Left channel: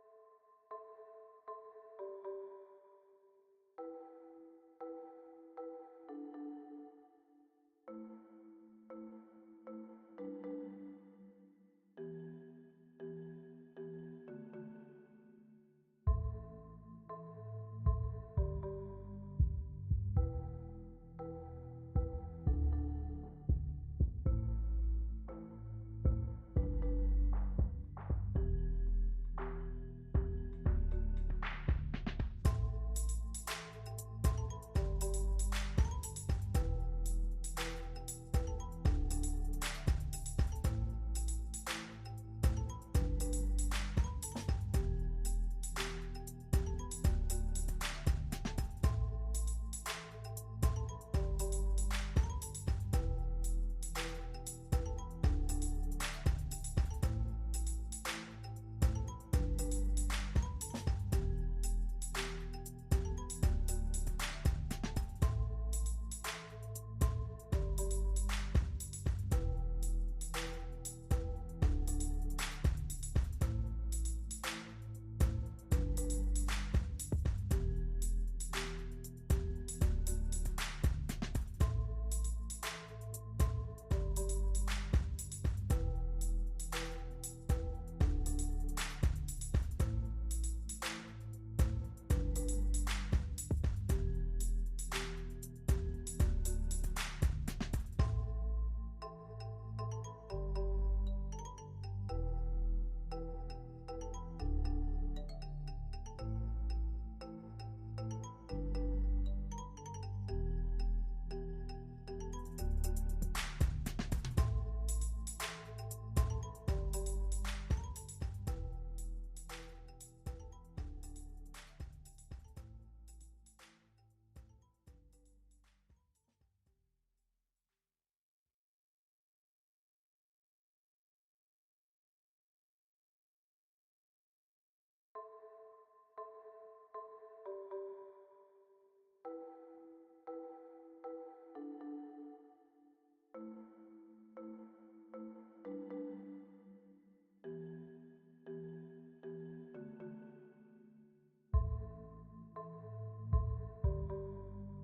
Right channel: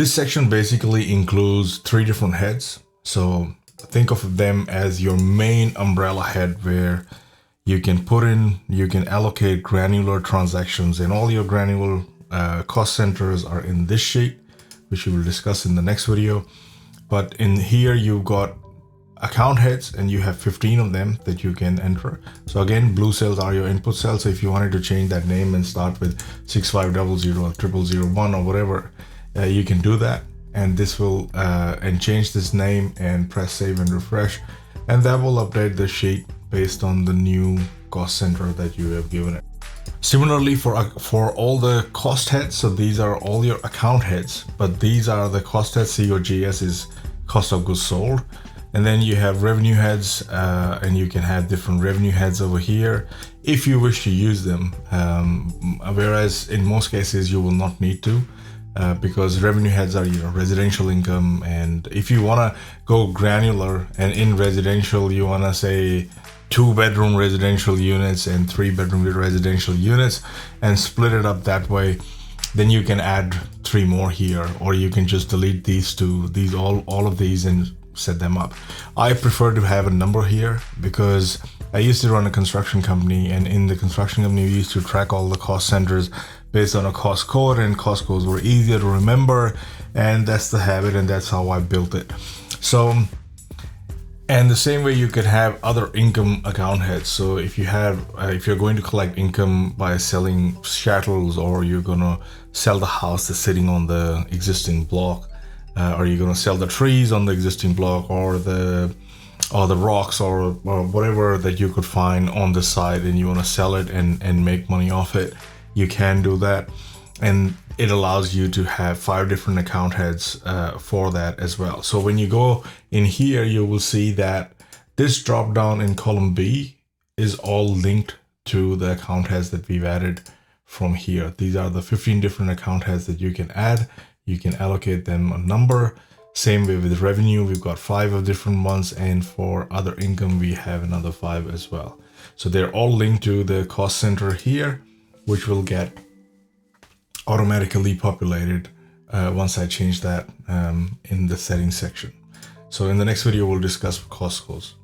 This section basically includes 3 different heads. So think of them as your main umbrella head where you can allocate granular transactions, and all your granular cost centers are in this sheet, which we will discuss in the next video. But in here, you've got account heads and you have 15 of them that you can enter. So again, blue cells are your input cells. So if you wanted to change that name and start with 6500 or 0001 or whatever, you can do that. And this will and change this name and press save and refresh, and that will update the sheet based on the new cost center that you have given it. Similarly for all the cost heads, so these are all your account heads, but these are the cost heads. COGS is cost of goods sold. And then you have revenue heads, and you can have different revenue heads over here if you wish to use them. Whereas in most cases you will not need to, because revenue heads are your residential income. And if you want to go granular and in residential, you want to say 2-bedroom residential units and 3-bedroom residential units and split it up that way, then you can add 3 more here, or you can just delete these 2, all of these, and set them up. I prefer to have a number here because I used to run a construction company, and in the construction company we used to track all the cost centers based on a cost code, and cost codes were easier to remember, and that's the habit, and that's how I built it. So, and the same way you could have other income account heads. So if you have if you're going to collect income by selling chattels, or you're gonna sell the house that's sitting on the existing block, or you're going to sell the trees on the existing block, or the rocks, or whatever that you could find on the side, and you want to sell it and make money off it, you can do that. And it allows you to have 5 different account heads for that as well. So when you go in here, you will see that this drop down in column B is all linked to the account heads that we've added from here. These are the 15 different account heads that you can add. You can allocate them a number. Same way with revenue, we've got 5 of different ones, and for other income we have another 5 as well. So they're all linked to the cost center here, which will get automatically populated once I change that in the settings section. So in the next video we'll discuss cost codes.